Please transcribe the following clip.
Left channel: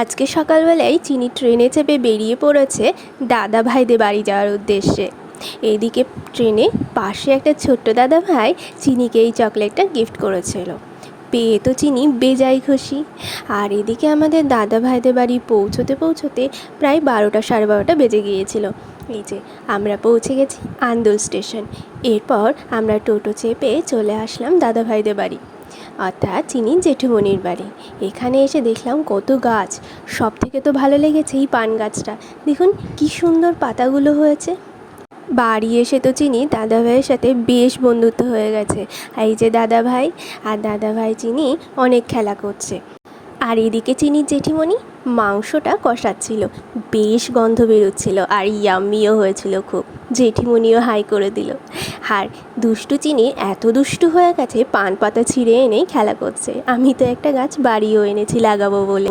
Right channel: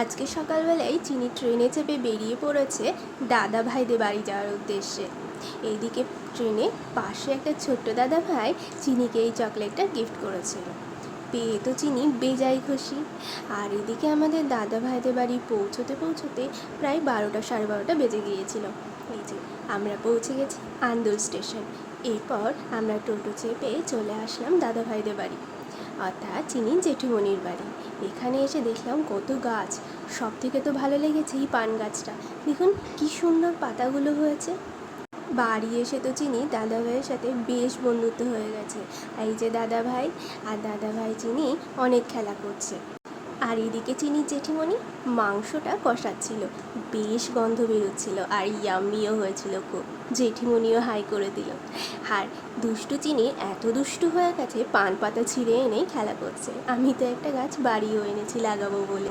আজকে সকালবেলায় চিনি ট্রেনে চেপে বেরিয়ে পড়েছে দাদা ভাইদের বাড়ি যাওয়ার উদ্দেশ্যে। এইদিকে ট্রেনে পাশে একটা ছোট্ট দাদা ভাই চিনিকে এই চকলেটটা গিফট করেছিল। পেয়ে তো চিনি বেজায় খুশি। আর এদিকে আমাদের দাদা ভাইদের বাড়ি পৌঁছতে পৌঁছতে প্রায় 12টা সাড়ে 12টা বেজে গিয়েছিল। এই যে আমরা পৌঁছে গেছি আন্দুল স্টেশন। এরপর আমরা টোটো চেপে চলে আসলাম দাদা ভাইদের বাড়ি, অর্থাৎ চিনির জেঠুমনির বাড়ি। এখানে এসে দেখলাম কত গাছ। সব থেকে তো ভালো লেগেছে এই পান গাছটা। দেখুন কি সুন্দর পাতাগুলো হয়েছে। বাড়ি এসে তো চিনি দাদা ভাইয়ের সাথে বেশ বন্ধুত্ব হয়ে গেছে। এই যে দাদা ভাই আর দাদা ভাই চিনি অনেক খেলা করছে। আর এদিকে চিনির জেঠিমণি মাংসটা কষাচ্ছিল, বেশ গন্ধ বেরোচ্ছিল আর ইয়াম্মিও হয়েছিল খুব। জেঠিমণিও হাই করে দিল। আর দুষ্টু চিনি এত দুষ্টু হয়ে গেছে, পান পাতা ছিঁড়ে এনেই খেলা করছে। আমি তো একটা গাছ বাড়িও এনেছি লাগাবো বলে।